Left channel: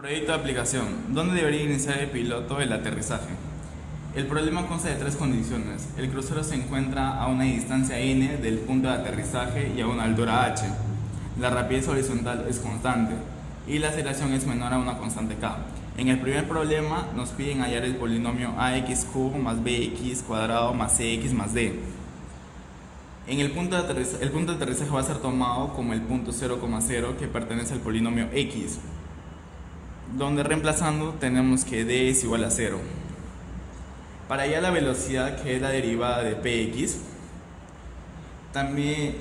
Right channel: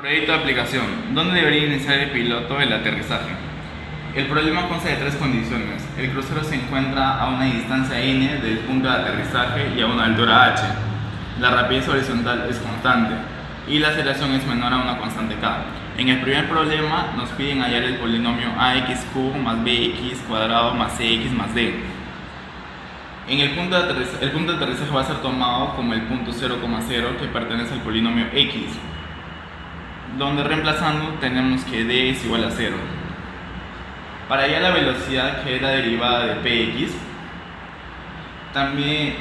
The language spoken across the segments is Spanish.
Proyecto de aplicación. ¿Dónde debería iniciar el piloto el aterrizaje? El problema consta de tres condiciones. El crucero se encuentra a una distancia n del punto de aterrizaje y a una altura h. La rapidez horizontal es constante y la aceleración es menor a una constante k. En el primer problema nos piden hallar el polinomio axq más bx cuadrado más cx más d. El punto de aterrizaje va a ser tomado como el punto 0,0 que pertenece al polinomio x, donde reemplazando tenemos que d es igual a 0. Para hallar la velocidad, que es la derivada de px, también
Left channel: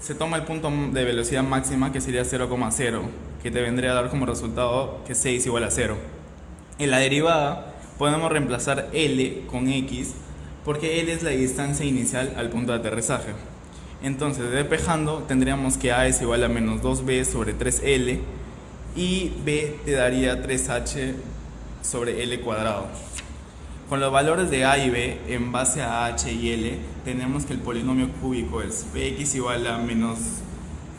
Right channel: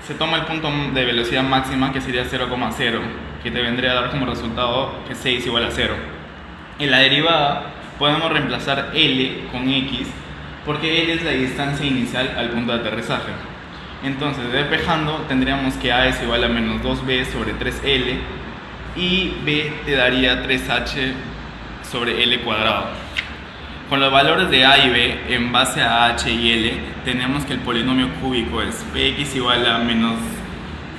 se toma el punto de velocidad máxima, que sería 0,0, que te vendría a dar como resultado que c es igual a 0. En la derivada podemos reemplazar L con X, porque L es la distancia inicial al punto de aterrizaje. Entonces, despejando, tendríamos que A es igual a menos 2B sobre 3L y B te daría 3H sobre L cuadrado. Con los valores de A y B en base a H y L, tenemos que el polinomio cúbico es Px igual a menos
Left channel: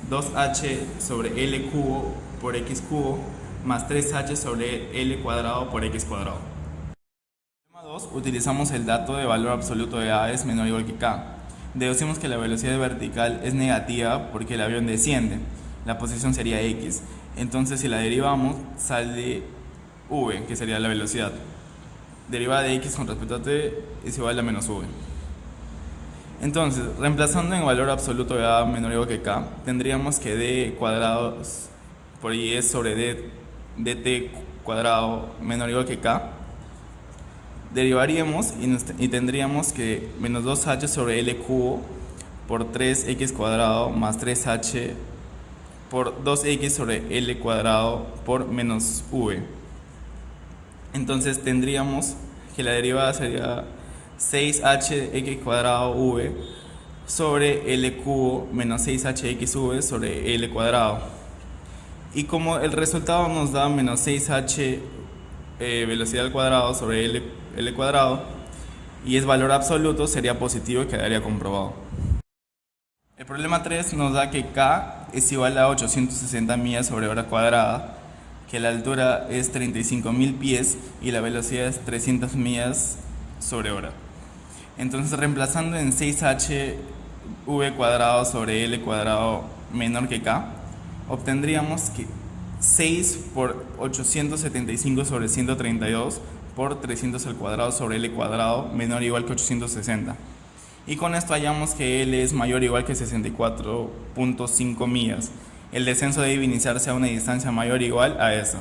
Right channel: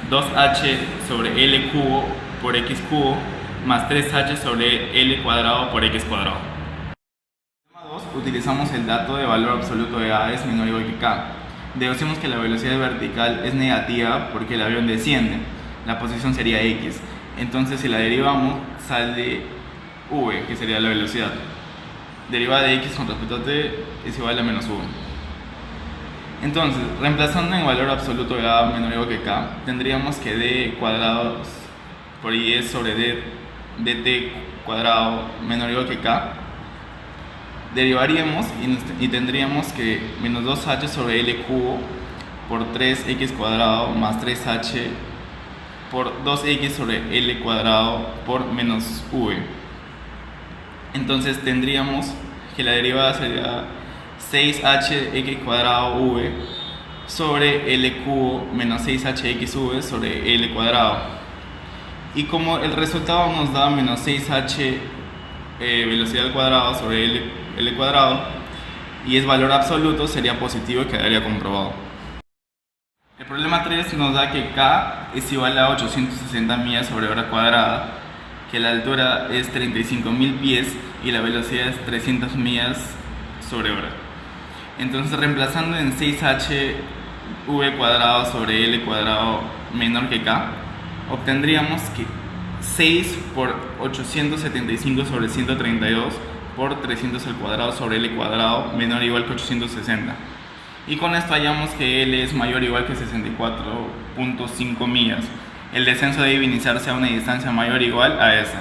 2H sobre L cubo por X cubo más 3H sobre L cuadrado por X cuadrado. En el tema 2 utilizamos el dato de valor absoluto de A es menor o igual que K. Deducimos que la velocidad vertical es negativa porque el avión desciende. La posición sería X. Entonces, si la derivamos, sale V, que sería la velocidad. Derivada de X con respecto a T es igual a menos V. Entonces, reemplazando en valor absoluto de A menor o igual que K, tendríamos que D cuadrado por I es sobre dt cuadrado menor o igual que K. Derivaríamos y tendríamos que menos 2h sobre L cubo por 3x cuadrado más 3h por 2x sobre L cuadrado por menos V. Entonces tendríamos que la derivada sería 6hx cuadrado v sobre L cubo menos 6hxv sobre L cuadrado. Y como el resultado nos da menos 6h velocidad al cuadrado sobre L cuadrado y es valor absoluto, sería positivo y quedaría comprobado. El problema 3 nos da que K es igual a 860 millas sobre hora cuadrada, que la altura es 35.000 pies y la velocidad es 300 millas sobre hora. Entonces, reemplazando en 6h v cuadrado sobre L cuadrado menor que K, obtendríamos que 6 por 875 sobre 132 por 300 al cuadrado sobre L cuadrado menor o igual que 860. Y con esto hallamos que L es mayor o igual que 64.5 millas. El descenso debe iniciarse a una distancia mayor o igual a esa.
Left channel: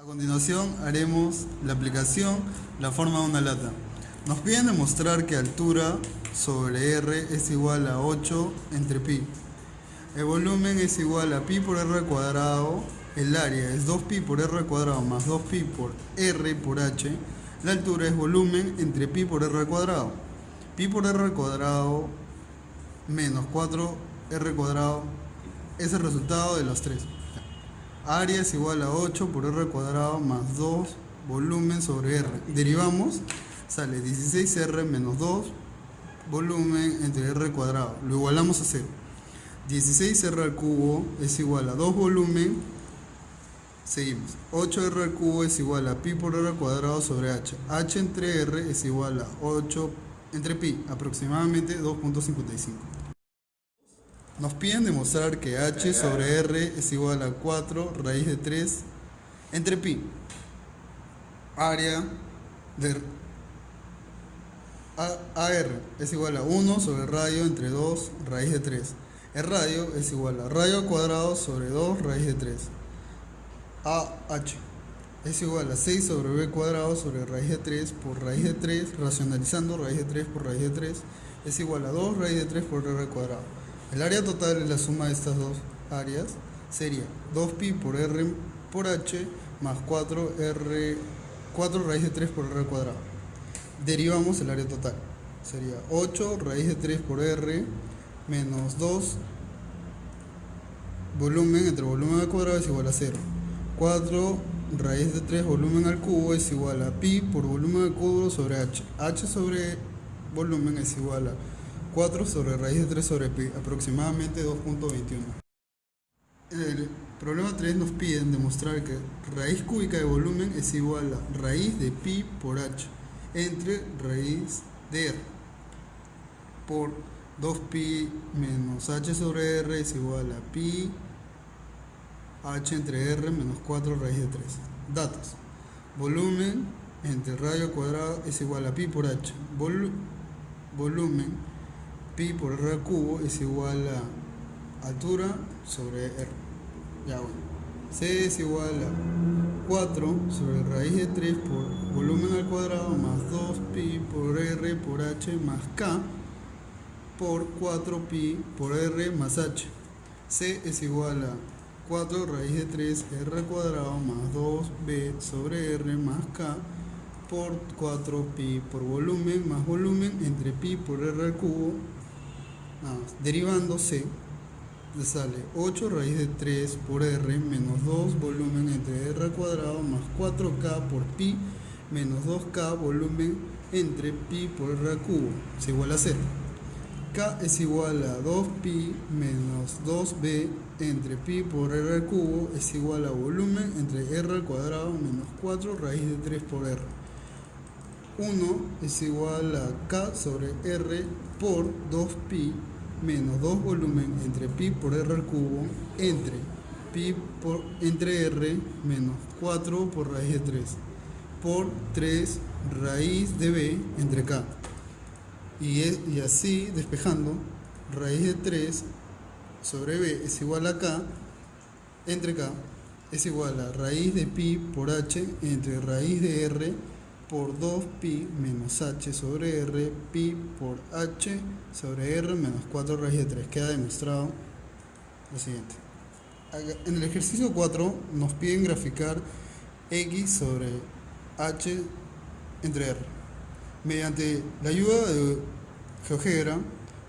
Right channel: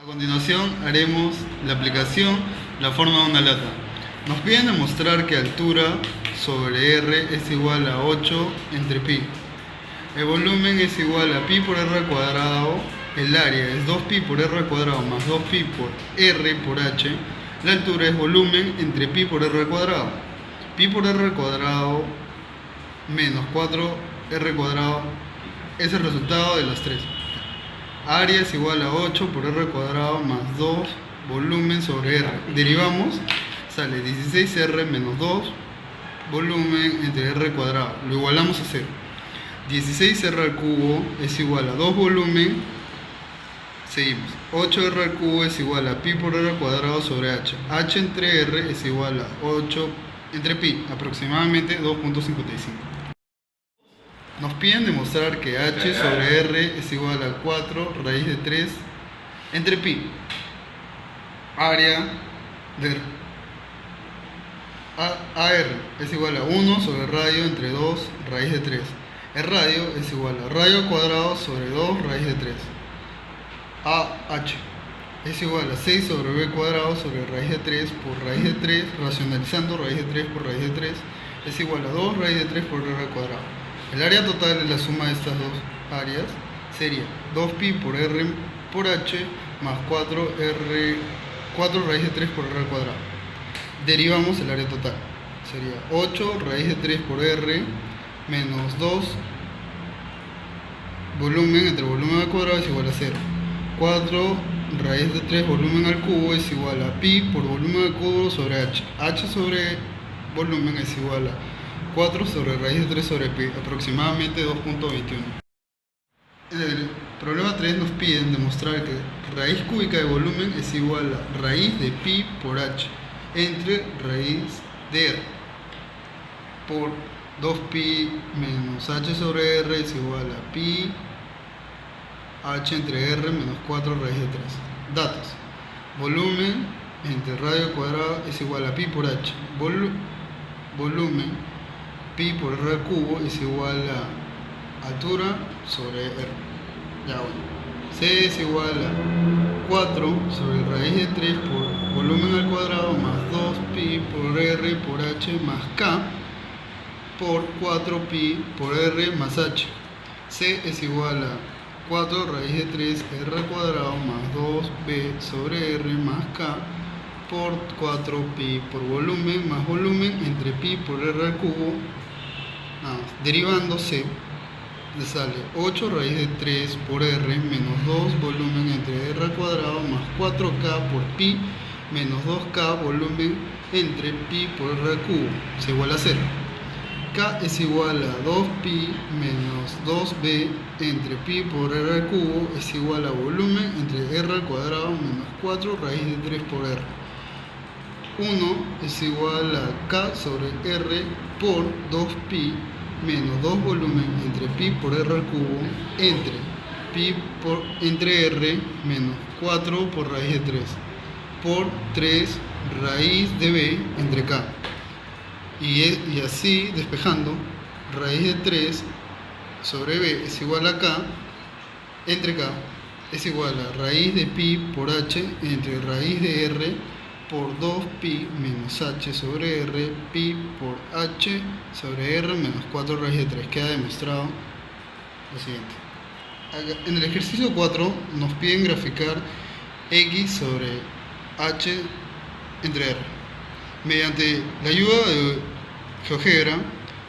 A continuación haremos la aplicación la forma de una lata. Nos piden demostrar que altura sobre R es igual a 8 entre pi. El volumen es igual a pi por R cuadrado. El área es 2pi por R cuadrado más 2pi por R por H. La altura es volumen entre pi por R cuadrado. Pi por R cuadrado menos 4R cuadrado es el resultado de las tres. Área es igual a 8 por R cuadrado más 2 volumen sobre R. Derivamos, sale 16R menos 2 volumen entre R cuadrado. Lo igualamos a 0. 16R al cubo es igual a 2 volumen. Seguimos. 8R al cubo es igual a pi por R cuadrado sobre H. H entre R es igual a 8 entre pi, aproximadamente 2.55. Nos piden demostrar que H sobre R es igual a 4 raíz de 3 entre pi. Área de AR es igual a 1 sobre radio entre 2 raíz de 3. El radio es igual a radio cuadrado sobre 2 raíz de 3. AH es igual a 6 sobre b cuadrado sobre raíz de 3 por raíz de 3, racionalizando raíz de 3 por raíz de 3, es igual a 2 raíz de 3 por r cuadrado. El área total de la suma de estas dos áreas sería 2pi por r por h más 4 raíz de 3 por r cuadrado. Derivamos el área total. Sería 8 raíz de 3 por r menos 2 volumen entre volumen al cuadrado es igual a 0. 4 raíz de 3 volumen al cubo es igual a pi por volumen al cubo sobre h. H sobre volumen es igual a 4 sobre raíz de 3 sobre pi, aproximadamente 2.21. En el problema 3 nos piden demostrar que raíz cúbica de volumen es igual a raíz de pi por h entre raíz de r por 2pi menos h sobre r es igual a pi h entre r menos 4 raíz de 3. Datos. Volumen entre radio al cuadrado es igual a pi por h. Volumen pi por r al cubo es igual a altura sobre r. Ya bueno. C es igual a 4 sobre raíz de 3 por volumen al cuadrado más 2pi por r por h más k por 4pi por r más h. C es igual a 4 raíz de 3 r al cuadrado más 2b sobre r más k por 4pi por volumen más volumen entre pi por r al cubo. Derivando C, te sale 8 raíz de 3 por r menos 2 volumen entre r al cuadrado más 4k por pi menos 2k volumen entre pi por r al cubo es igual a 0. K es igual a 2pi menos 2b entre pi por r al cubo es igual a volumen entre r al cuadrado menos 4 raíz de 3 por r. 1 es igual a k sobre r por 2pi menos 2 volumen entre pi por r al cubo entre r menos 4 por raíz de 3 por 3 raíz de b entre k. Y así, despejando, raíz de 3 sobre b es igual a k entre k es igual a raíz de pi por h entre raíz de r por 2pi menos h sobre r pi por h sobre r menos 4 raíz de 3. Queda demostrado lo siguiente. En el ejercicio 4 nos piden graficar x sobre h entre r. Mediante la ayuda de GeoGebra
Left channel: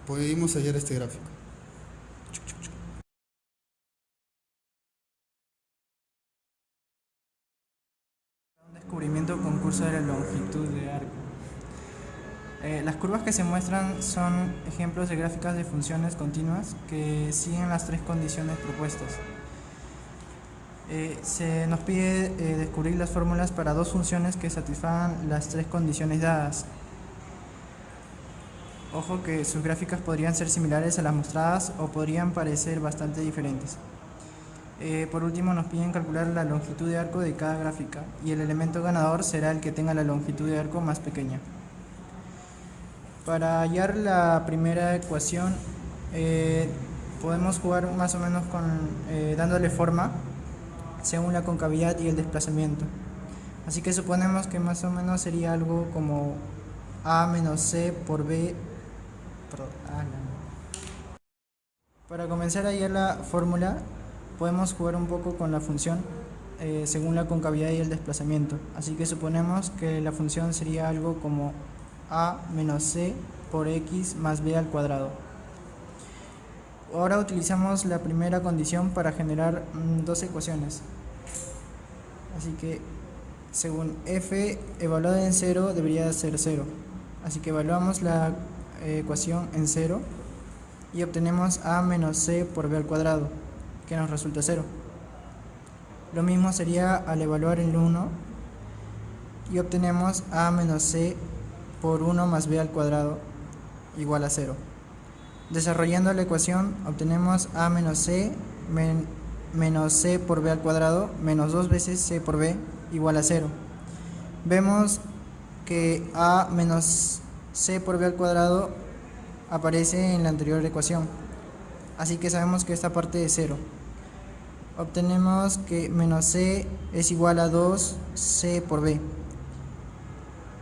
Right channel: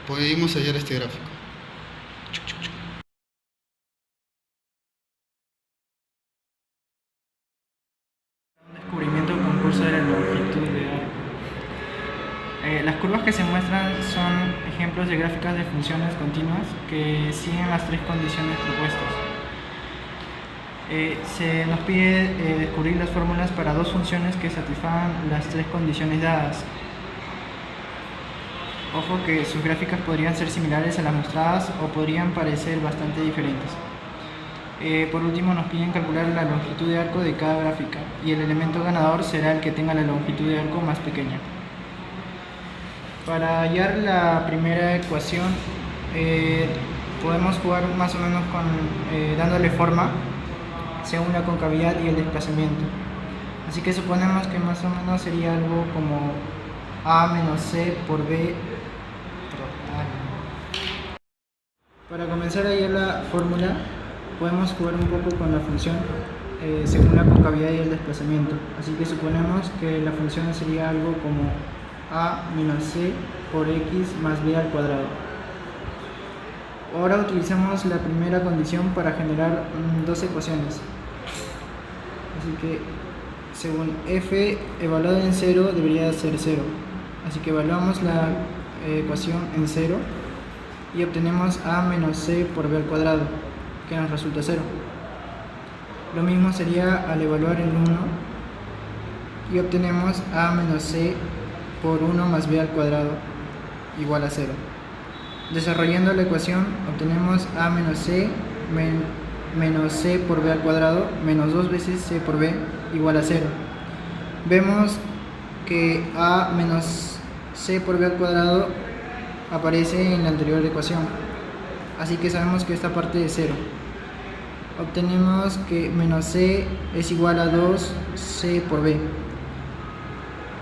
podemos hallar este gráfico. Descubrimiento concurso de la longitud de las curvas que se muestran son ejemplos de gráficas de funciones continuas que siguen las tres condiciones propuestas. Se nos pide descubrir las fórmulas para dos funciones que satisfagan las tres condiciones dadas. Ojo que sus gráficas podrían ser similares a las mostradas o podrían parecer bastante diferentes. Por último nos piden calcular la longitud de arco de cada gráfica y el elemento ganador será el que tenga la longitud de arco más pequeña. Para hallar la primera ecuación podemos jugar más o menos dándole forma según la concavidad y el desplazamiento. Así que suponemos que más o menos sería algo como a menos c por b. Para comenzar a hallar la fórmula podemos jugar un poco con la función según la concavidad y el desplazamiento. Así que suponemos que la función sería algo como a menos c por x más b al cuadrado. Ahora utilizamos la primera condición para generar dos ecuaciones. Así que según f evaluado en 0 debería ser 0. Así que evaluamos la ecuación en 0 y obtenemos a menos c por b al cuadrado, que nos resulta 0. Lo mismo sería al evaluar el 1 y obtenemos a menos c por 1 más b al cuadrado igual a 0. Desarrollando la ecuación obtenemos a menos c menos c por b al cuadrado menos 2 veces c por b igual a 0. Vemos que a menos c por b al cuadrado aparece en la anterior ecuación, así que sabemos que esta parte es 0. Obtenemos que menos c es igual a 2c por b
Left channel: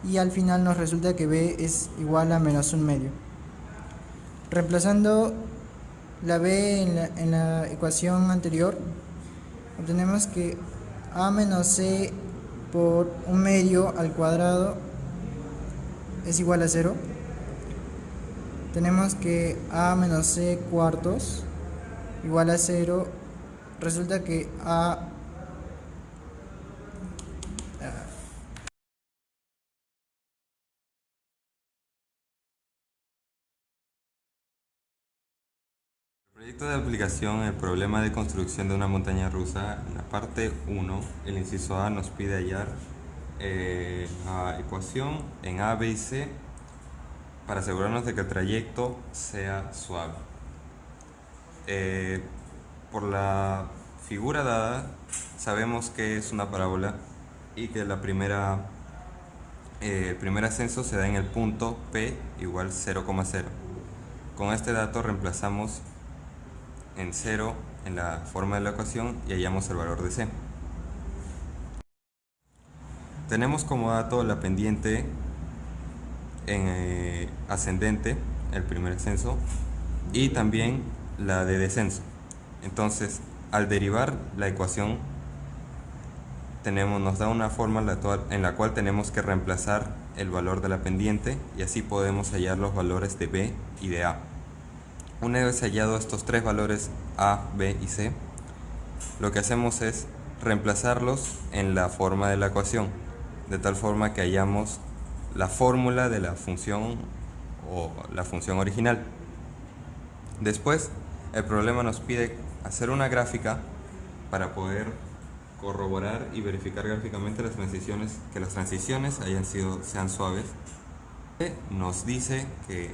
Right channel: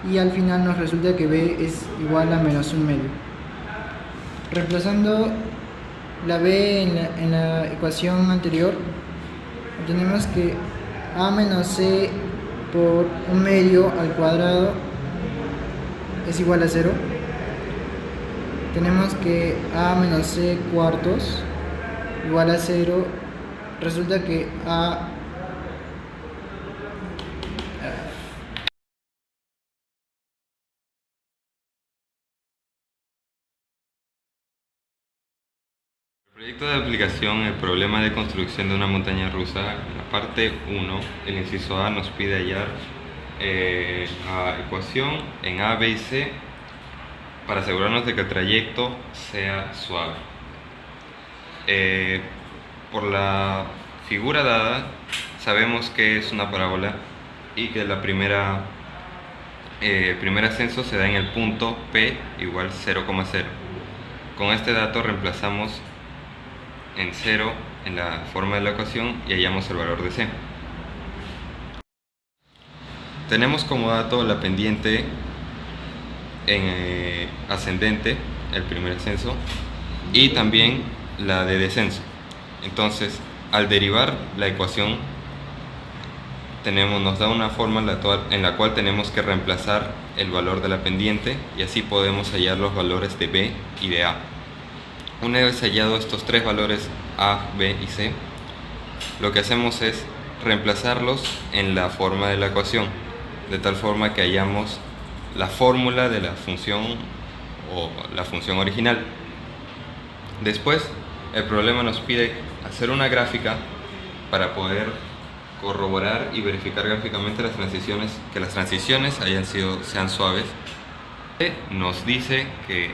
y al final nos resulta que b es igual a menos 1 medio. Reemplazando la b en la ecuación anterior, obtenemos que a menos c por 1 medio al cuadrado es igual a 0. Tenemos que a menos c cuartos igual a 0. Resulta que a Proyecto de aplicación, el problema de construcción de una montaña rusa. En la parte 1, el inciso A nos pide hallar ecuación en A, B y C para asegurarnos de que el trayecto sea suave. Por la figura dada, sabemos que es una parábola y que el primer ascenso se da en el punto P igual 0,0. Con este dato reemplazamos en 0 en la forma de la ecuación y hallamos el valor de C. Tenemos como dato la pendiente en ascendente, el primer ascenso, y también la de descenso. Entonces, al derivar la ecuación, nos da una forma en la cual tenemos que reemplazar el valor de la pendiente y así podemos hallar los valores de B y de A. Una vez hallado estos tres valores A, B y C, lo que hacemos es reemplazarlos en la forma de la ecuación, de tal forma que hallamos la fórmula de la función o la función original. Después, el problema nos pide hacer una gráfica para poder corroborar y verificar gráficamente que las transiciones sean suaves. Nos dice que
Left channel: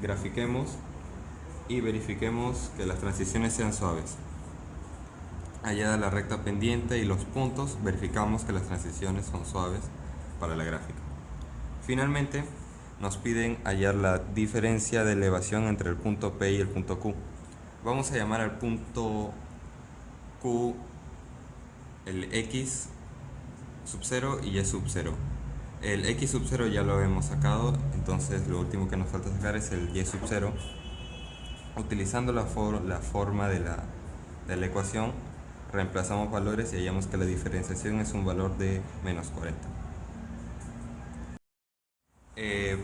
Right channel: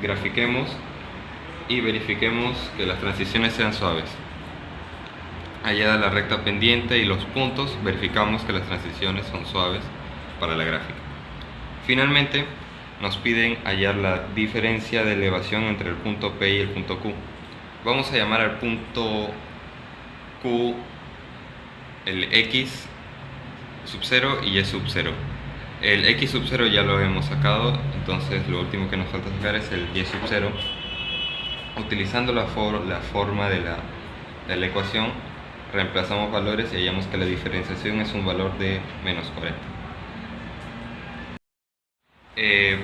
grafiquemos y verifiquemos que las transiciones sean suaves. Hallada la recta pendiente y los puntos, verificamos que las transiciones son suaves para la gráfica. Finalmente, nos piden hallar la diferencia de elevación entre el punto P y el punto Q. Vamos a llamar al punto Q el X sub 0 y Y sub 0. El X sub 0 ya lo hemos sacado, entonces lo último que nos falta sacar es el Y sub 0. Utilizando la forma de la ecuación, reemplazamos valores y hallamos que la diferenciación es un valor de menos 40.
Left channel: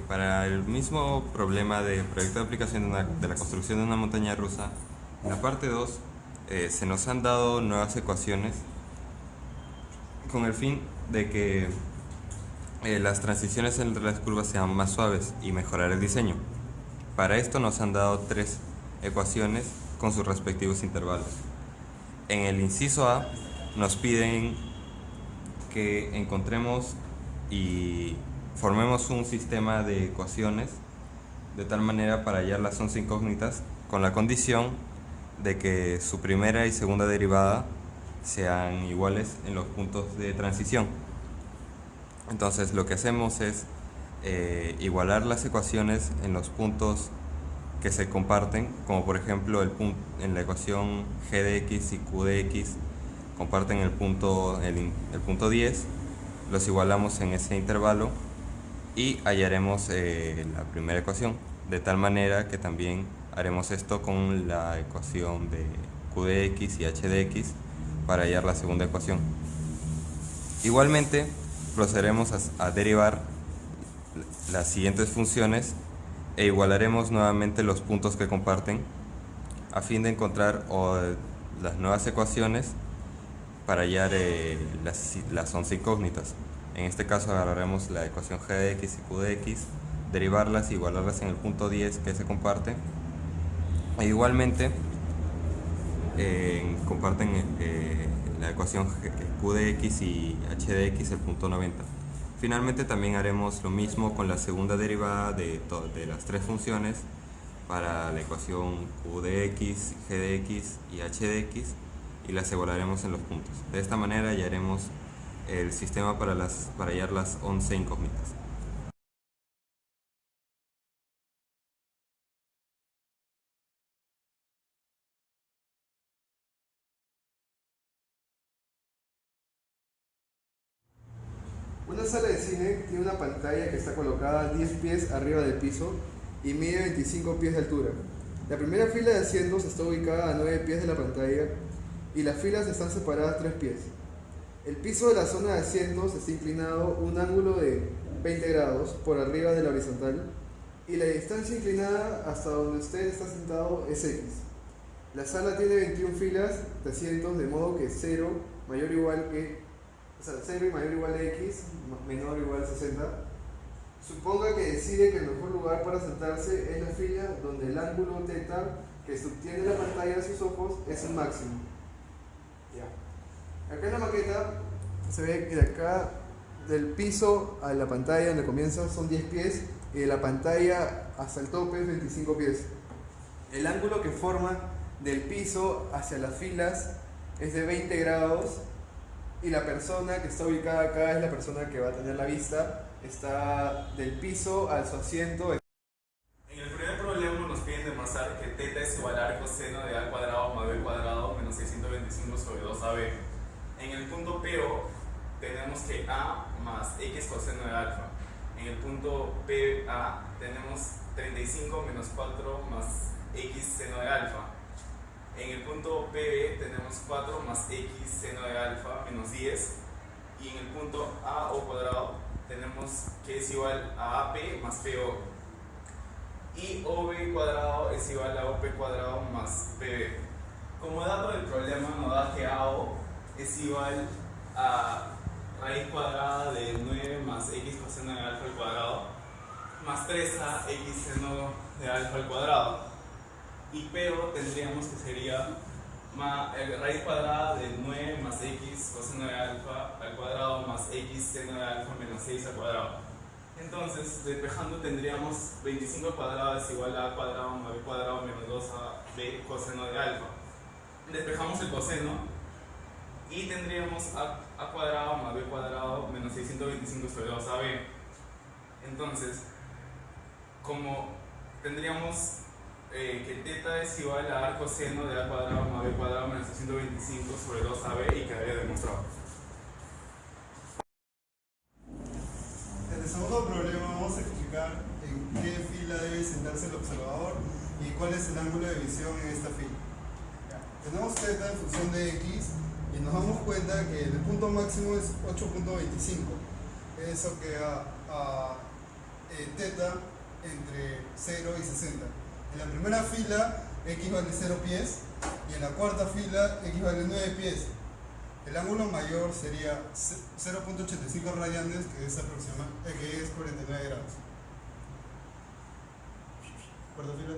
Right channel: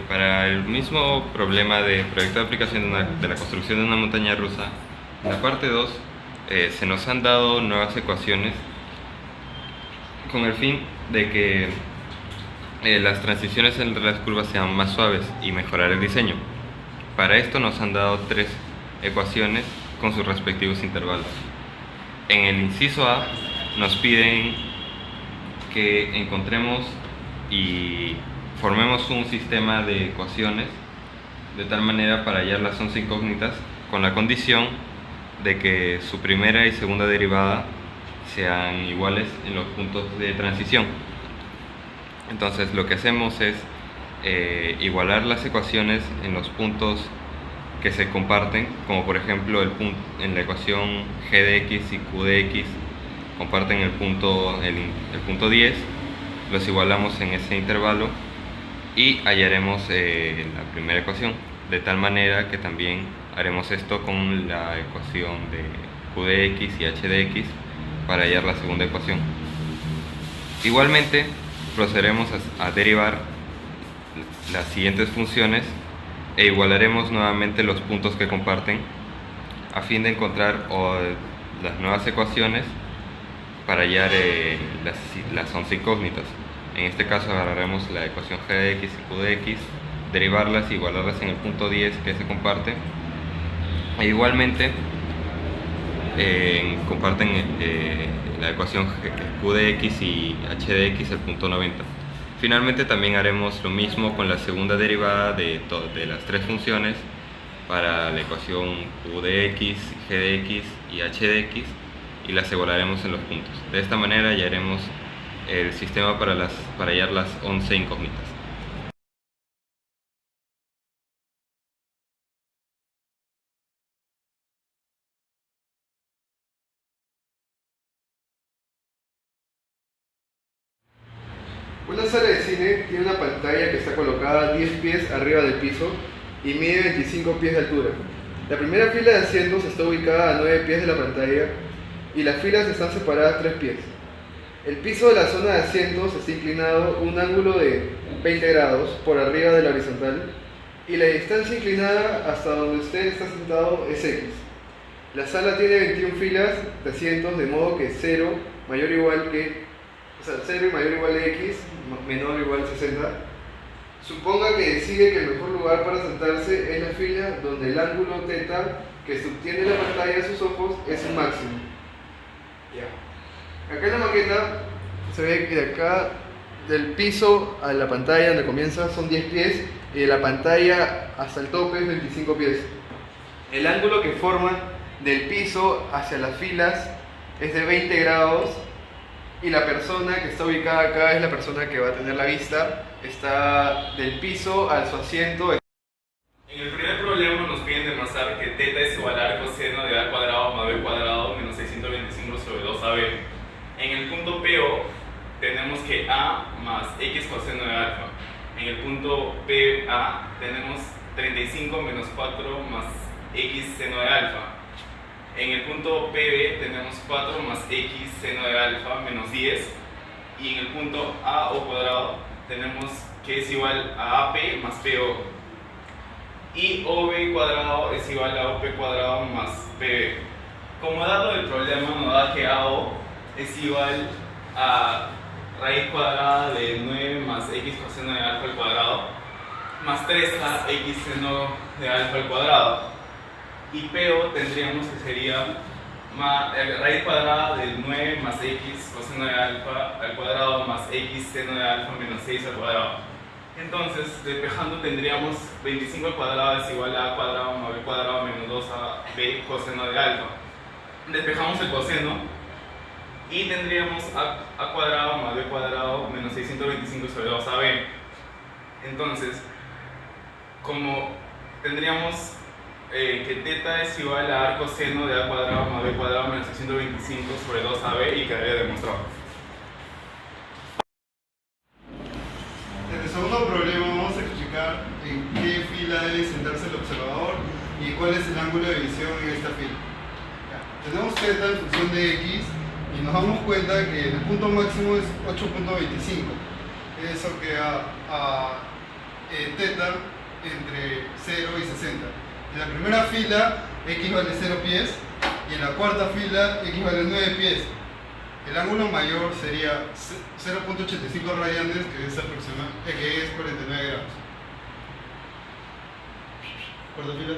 Para el mismo problema de proyecto de aplicación de la construcción de una montaña rusa, en la parte 2 se nos han dado nuevas ecuaciones con el fin de que las transiciones entre las curvas sean más suaves y mejorar el diseño. Para esto nos han dado tres ecuaciones con sus respectivos intervalos. En el inciso A nos piden que encontremos y formemos un sistema de ecuaciones de tal manera para hallar las 11 incógnitas con la condición de que su primera y segunda derivada sean iguales en los puntos de transición. Entonces lo que hacemos es igualar las ecuaciones en los puntos que se comparten, como por ejemplo en la ecuación g de x y q de x comparten el punto 10, los igualamos en ese intervalo y hallaremos la primera ecuación, de tal manera que también haremos esto con la ecuación de q de x y h de x para hallar la segunda ecuación. Igualmente procederemos a derivar las siguientes funciones e igualaremos nuevamente los puntos que comparten a fin de encontrar las nuevas ecuaciones para hallar las 11 incógnitas. En este caso agarraremos la ecuación g de x y q de x, derivarlas y igualarlas en el punto 10 que se comparte, e igualmente comparten la ecuación q de x y h de x el punto 90. Finalmente también haremos lo mismo con la segunda derivada de las tres funciones para la ecuación q de x, g de x y h de x y las igualaremos en los puntos. De esta manera hallaremos el sistema para hallar las 11 incógnitas. Una sala de cine tiene una pantalla que está colocada 10 pies arriba del piso y mide 25 pies de altura. La primera fila de asientos está ubicada a 9 pies de la pantalla y las filas están separadas 3 pies. El piso de la zona de asientos está inclinado un ángulo de 20 grados por arriba de la horizontal y la distancia inclinada hasta donde usted está sentado es X. La sala tiene 21 filas de asientos, de modo que 0 y mayor o igual a X, menor o igual a 60. Suponga que decide que el mejor lugar para sentarse es la fila donde el ángulo θ que subtiende la pantalla de sus ojos es su máximo. Ya. Acá en la maqueta se ve que de acá, del piso a la pantalla donde comienza son 10 pies y de la pantalla hasta el tope es 25 pies. El ángulo que forman del piso hacia las filas es de 20 grados y la persona que está ubicada acá es la persona que va a tener la vista. Está del piso a su asiento. En el primer problema nos piden demostrar que θ es igual a coseno de a cuadrado más b cuadrado menos 625 sobre 2ab. En el punto PO tenemos que a más x coseno de alfa. En el punto PA tenemos 35 menos 4 más x seno de alfa. En el punto PB tenemos 4 más x seno de alfa menos 10. Y en el punto A o cuadrado tenemos que es igual a AP más PO. Y OB cuadrado es igual a OP cuadrado más PB. Como dato del problema nos da que AO es igual a raíz cuadrada de 9 más x coseno de alfa al cuadrado más 3a x seno de alfa al cuadrado. Y PO tendríamos que sería raíz cuadrada de 9 más x coseno de alfa al cuadrado más x seno de alfa menos 6 al cuadrado. Entonces, despejando tendríamos 25 al cuadrado es igual a cuadrado más b cuadrado menos 2ab coseno de alfa. Despejamos el coseno y tendríamos a cuadrado más b cuadrado menos 625 sobre 2ab. Entonces, como tendríamos que θ es igual a arco seno de a cuadrado más b cuadrado menos 625 sobre 2ab y quedaría demostrado. En el segundo problema vamos a explicar en qué fila debe sentarse el observador y cuál es el ángulo de visión en esta fila. Tenemos θ en función de x y nos damos cuenta que el punto máximo es 8.25. Eso queda a θ entre 0 y 60. En la primera fila x vale 0 pies y en la cuarta fila x vale 9 pies. El ángulo mayor sería 0.85 radianes, que es 49 grados. ¿Cuarta fila?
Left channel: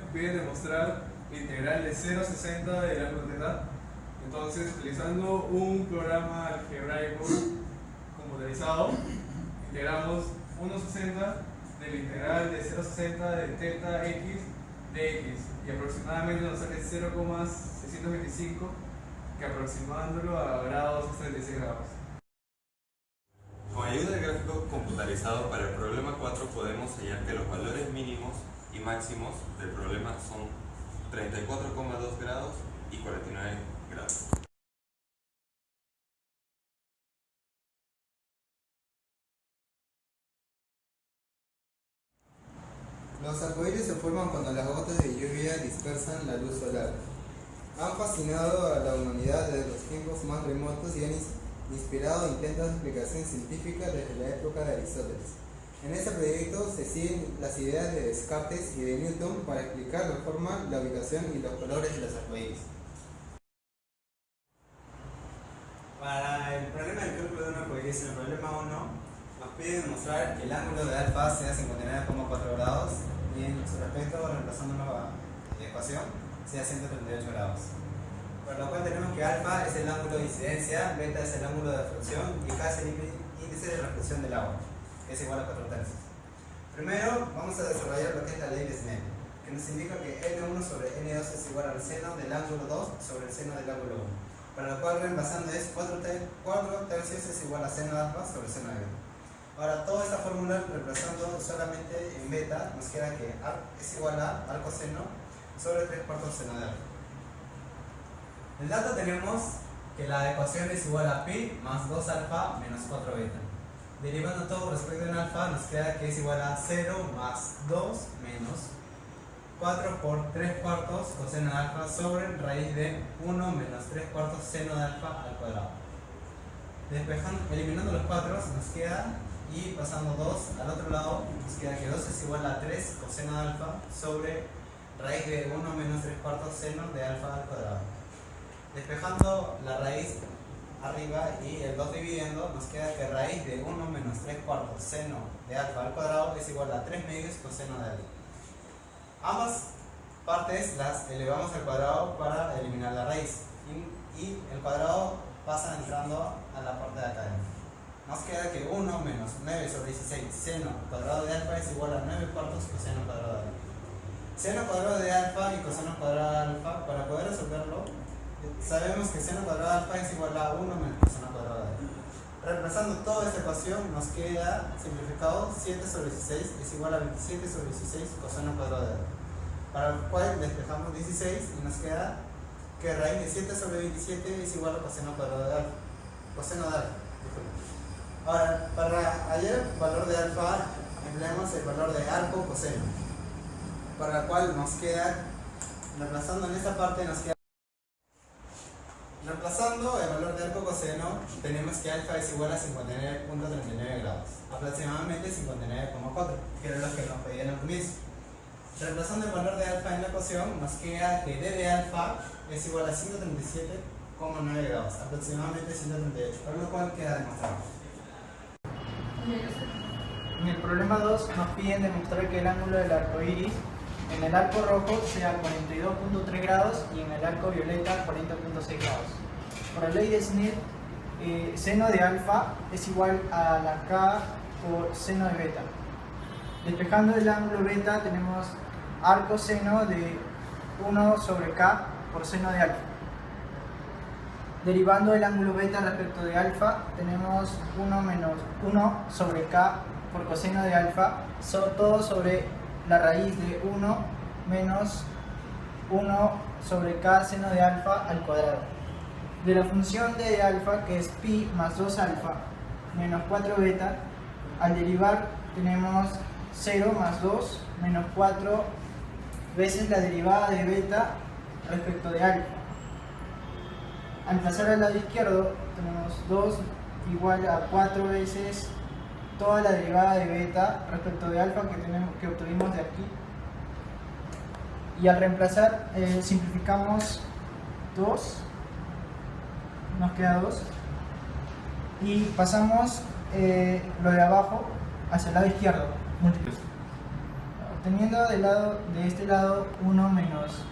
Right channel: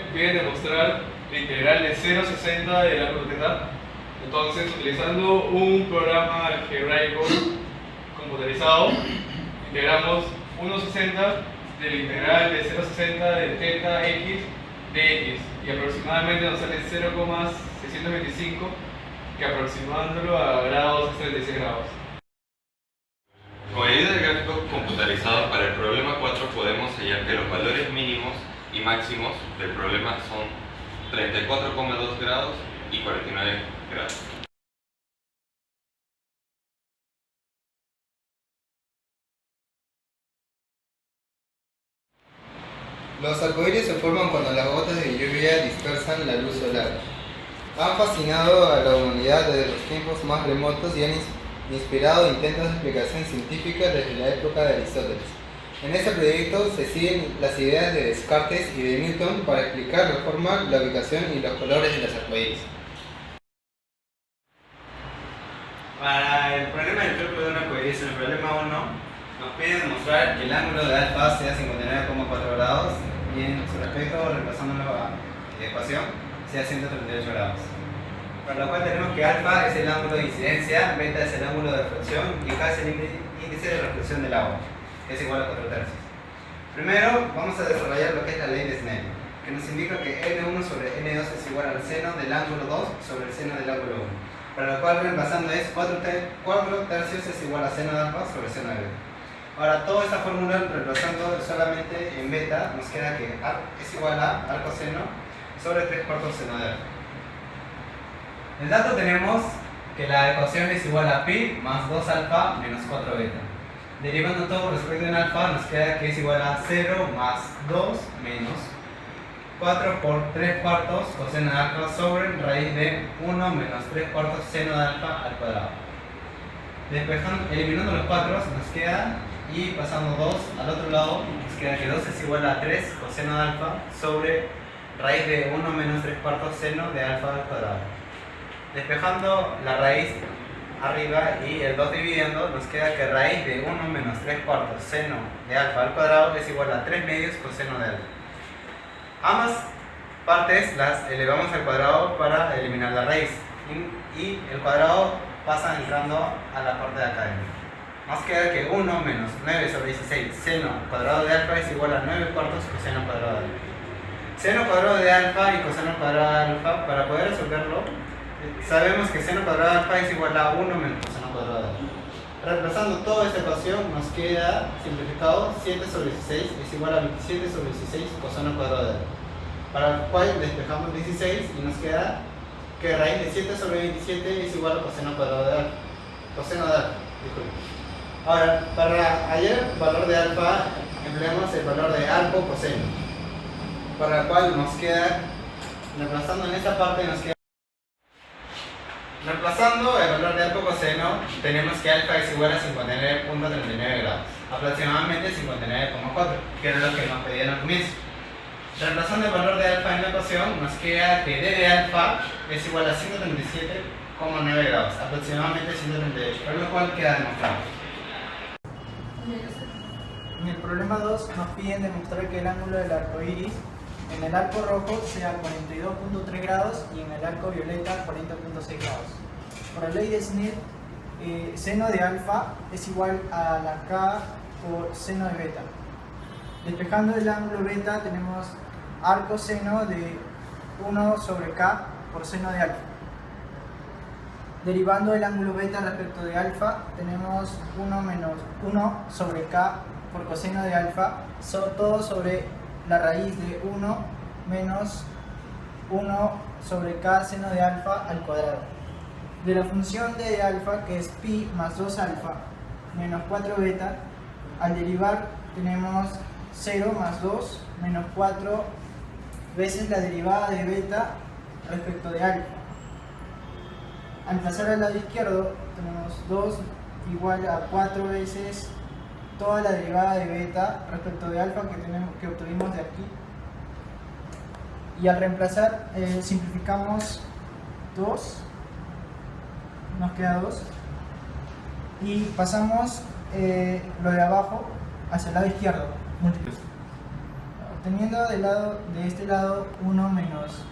Nos piden demostrar la integral de 0 a 60 del ángulo θ. Entonces, utilizando un programa algebraico computarizado, integramos 1,60 de la integral de 0 a 60 de θ x de x, y aproximadamente nos sale 0,625, que aproximándolo a grados es 36 grados. Con ayuda del gráfico computarizado para el problema 4 podemos hallar que los valores mínimos y máximos del problema son 34,2 grados y 49 grados. Los arcoíris se forman cuando las gotas de lluvia dispersan la luz solar. Han fascinado a la humanidad desde los tiempos más remotos y han inspirado intentos de explicación científica desde la época de Aristóteles. En este proyecto se siguen las ideas de Descartes y de Newton para explicar la forma, la ubicación y los colores de los arcoíris. Para el problema del cálculo de un arcoíris, en el problema 1, nos pide demostrar que el ángulo de alfa sea 59,4 grados y en su respecto, reemplazándolo a la ecuación, sea 138 grados. Para lo cual tenemos que alfa es el ángulo de incidencia, beta es el ángulo de reflexión y K es el índice de reflexión del agua, que es igual a 4 tercios. Primero vamos a desarrollar lo que es la ley de Snell, que nos indica que N1 sobre N2 es igual al seno del ángulo 2 sobre el seno del ángulo 1. Para lo cual reemplazando es 4 tercios es igual a seno de alfa sobre seno de beta. Ahora toda esta fórmula reemplazando solamente en beta nos queda que es igual a arco seno sobre 3/4 seno de alfa. En dato tenemos que la ecuación es igual a pi más 2 alfa menos 4 beta. Derivando todo respecto en alfa nos queda que es igual a 0 más 2 menos 4 por 3/4 coseno de alfa sobre raíz de 1 menos 3/4 seno de alfa al cuadrado. Eliminando los 4 nos queda, y pasando 2 al otro lado nos queda que 2 es igual a 3 coseno de alfa sobre raíz de 1 menos 3/4 seno de alfa al cuadrado. Despejando la raíz arriba y el 2 dividiendo, nos queda que raíz de 1 menos 3/4 seno de alfa al cuadrado es igual a 3 medios coseno de alfa. Ambas partes las elevamos al cuadrado para eliminar la raíz. Y el cuadrado pasa entrando a la parte de acá. Nos queda que 1 menos 9 sobre 16 seno cuadrado de alfa es igual a 9 cuartos coseno cuadrado de alfa. Seno cuadrado de alfa y coseno cuadrado de alfa, para poder resolverlo, sabemos que seno cuadrado de alfa es igual a 1 menos coseno cuadrado de alfa. Reemplazando toda esta ecuación nos queda simplificado 7 sobre 16 es igual a 27 sobre 16 coseno cuadrado de alfa. Para el cual despejamos 16 y nos queda que raíz de 7 sobre 27 es igual a coseno cuadrado de alfa. Coseno de alfa, disculpe. Ahora, para hallar el valor de alfa, empleamos el valor de arco coseno, para el cual nos queda, reemplazando en esta parte, nos queda. Reemplazando el valor de arco coseno, tenemos que alfa es igual a 59.39 grados, aproximadamente 59,4, que era lo que nos pedían al comienzo. Reemplazando el valor de alfa en la ecuación, nos queda que d de alfa es igual a 137,9 grados, aproximadamente 138, por lo cual queda demostrado. En el problema 2 nos piden demostrar que el ángulo del arco iris en el arco rojo sea 42.3 grados y en el arco violeta 40.6 grados. Por la ley de Snell, seno de alfa es igual a la k por seno de beta. Despejando el ángulo beta tenemos arco seno de 1 sobre k por seno de alfa. Derivando el ángulo beta respecto de alfa, tenemos 1 menos 1 sobre k por coseno de alfa, todo sobre la raíz de 1 menos 1 sobre k seno de alfa al cuadrado. De la función de alfa, que es pi más 2 alfa menos 4 beta, al derivar tenemos 0 más 2 menos 4 veces la derivada de beta respecto de alfa. Al pasar al lado izquierdo tenemos 2 igual a 4 veces toda la derivada de beta respecto de alfa que obtuvimos de aquí. Y al reemplazar simplificamos 2, nos queda 2, y pasamos lo de abajo hacia el lado izquierdo, obteniendo de este lado 1 menos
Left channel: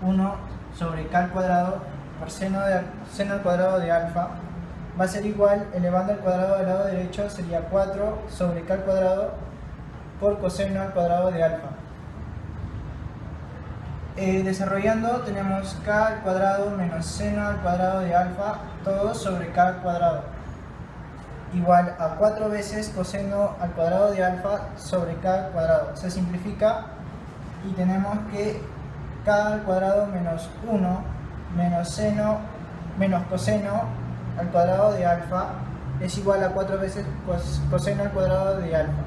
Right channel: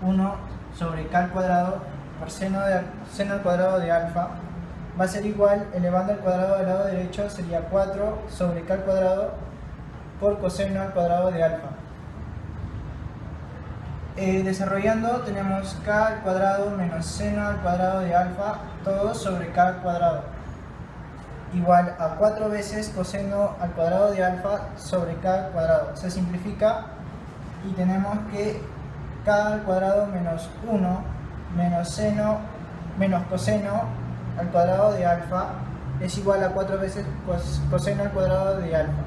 1 sobre k al cuadrado por seno al cuadrado de alfa va a ser igual, elevando al cuadrado del lado derecho sería 4 sobre k al cuadrado por coseno al cuadrado de alfa. Desarrollando tenemos k al cuadrado menos seno al cuadrado de alfa, todo sobre k al cuadrado, igual a 4 veces coseno al cuadrado de alfa sobre k al cuadrado. Se simplifica y tenemos que k al cuadrado menos 1 menos seno menos coseno al cuadrado de alfa es igual a 4 veces coseno al cuadrado de alfa.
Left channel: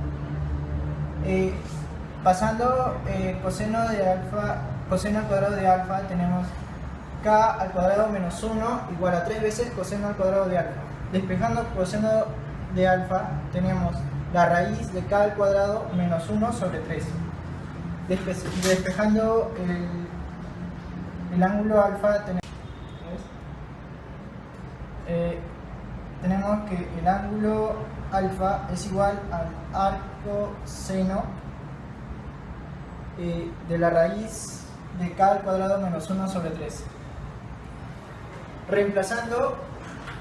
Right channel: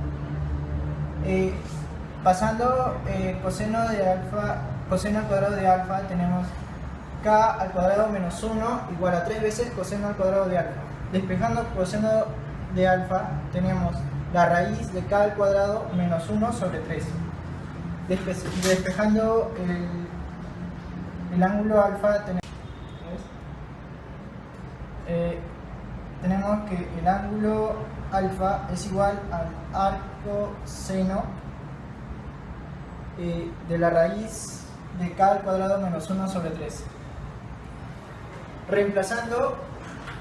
Pasando coseno al cuadrado de alfa, tenemos k al cuadrado menos 1 igual a 3 veces coseno al cuadrado de alfa. Despejando coseno de alfa, tenemos la raíz de k al cuadrado menos 1 sobre 3. Despejando el ángulo alfa, tenemos que el ángulo alfa es igual al arco seno de la raíz de k al cuadrado menos 1 sobre 3. Reemplazando,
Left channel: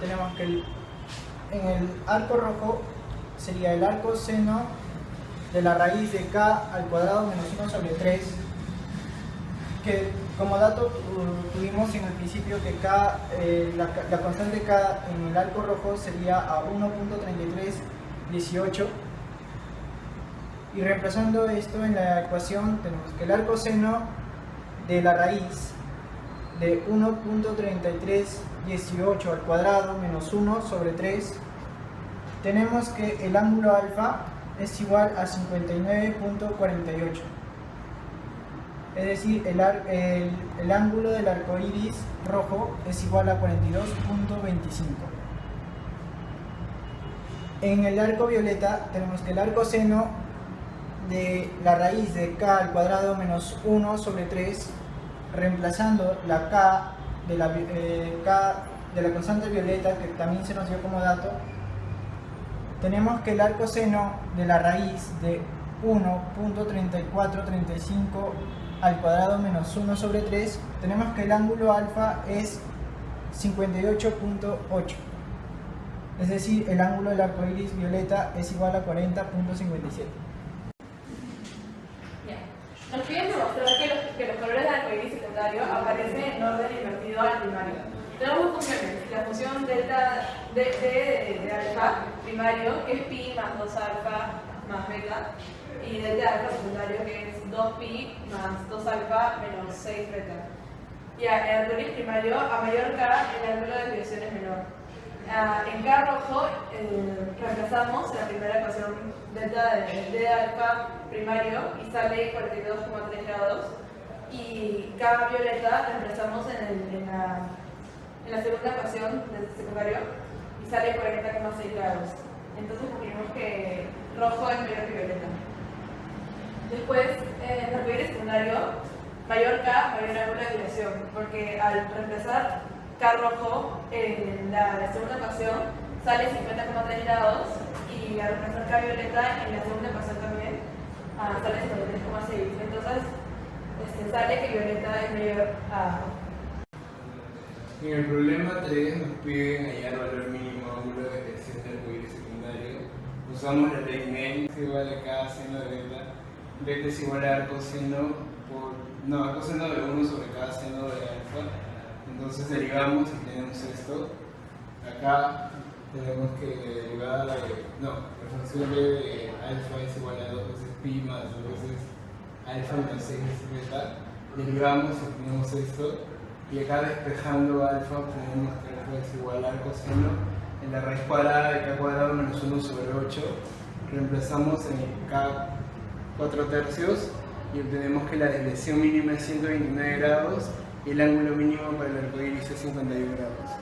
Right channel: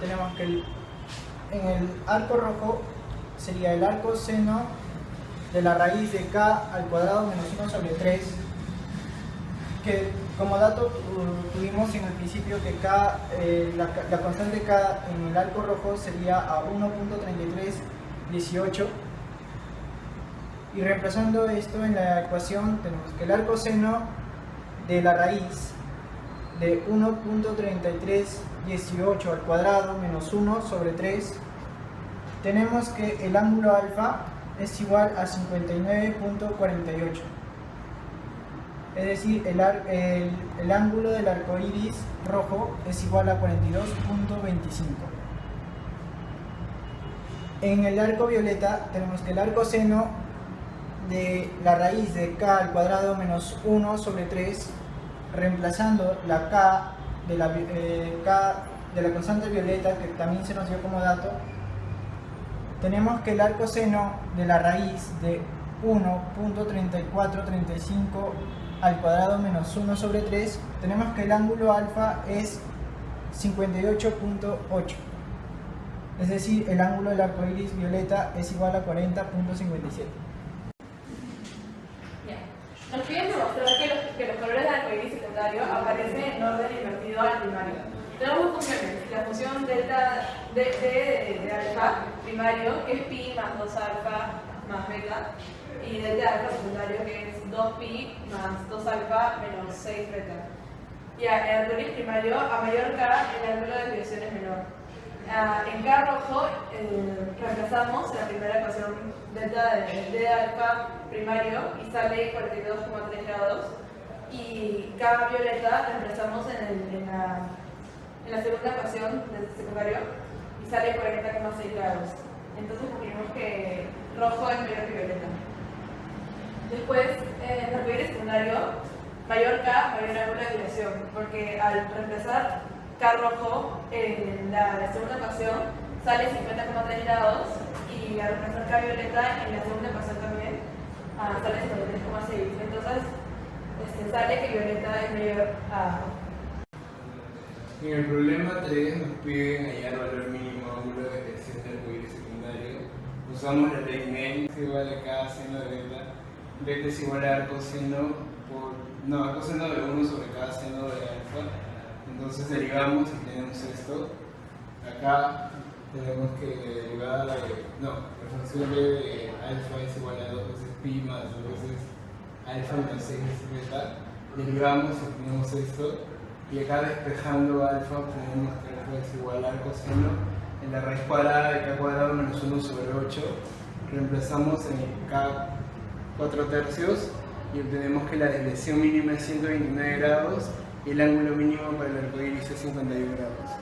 tenemos que en el arco rojo sería el arco seno de la raíz de k al cuadrado menos 1 sobre 3, que como dato tuvimos en el principio que k, la constante k en el arco rojo sería a 1.3318, y reemplazando esto en la ecuación tenemos que el arco seno de la raíz de 1.3318 al cuadrado menos 1 sobre 3, tenemos que el ángulo alfa es igual a 59.48. Es decir, el ángulo del arco iris rojo es igual a 42.25. En el arco violeta tenemos que el arco seno de la raíz de k al cuadrado menos 1 sobre 3, reemplazando la k de la constante violeta, que también se nos dio como dato, tenemos que el arco seno de la raíz de 1.3435 al cuadrado menos 1 sobre 3, tenemos que el ángulo alfa es 58.8. Es decir, el ángulo del arco iris violeta es igual a 40.57. Nos piden demostrar que los colores del arcoíris secundario aparecen en orden invertido al primario. Tenemos dos funciones, la función delta de alfa primario, que es pi más 2 alfa más beta, y delta de alfa secundario, que es 2 pi más 2 alfa menos 6 beta. Ya, el arcoíris primario, a mayor K, el ángulo de desviación es menor. En K rojo reemplazamos la primera ecuación delta de alfa primario y sale 42,3 grados, y K violeta reemplazamos en la segunda ecuación del secundario y sale 40,6 grados. Entonces concluimos que rojo es mayor que violeta. Después, en el arcoíris secundario, mayor K, mayor ángulo de desviación, porque al reemplazar K rojo en la segunda ecuación sale 50,3 grados, y al reemplazar K violeta en la segunda ecuación también sale 53,6. Entonces sale que violeta es mayor a... En el problema 3 nos piden hallar valor mínimo ángulo de desviación del arcoíris secundario. Usamos la ley Ney, es igual a K seno de beta. Beta es igual a coseno coseno de 1 sobre K seno de alfa. Entonces derivamos y tenemos esto. Acá tenemos que derivar la función de alfa es igual a 2 veces pi más 2 veces alfa menos 6 veces beta. Derivamos y tenemos esto. Y acá despejando alfa tenemos que alfa es igual al coseno en la raíz cuadrada de K cuadrado menos 1 sobre 8. Reemplazamos en el K 4 tercios y obtenemos que la desviación mínima es 129 grados y el ángulo mínimo para el arcoíris es 51 grados.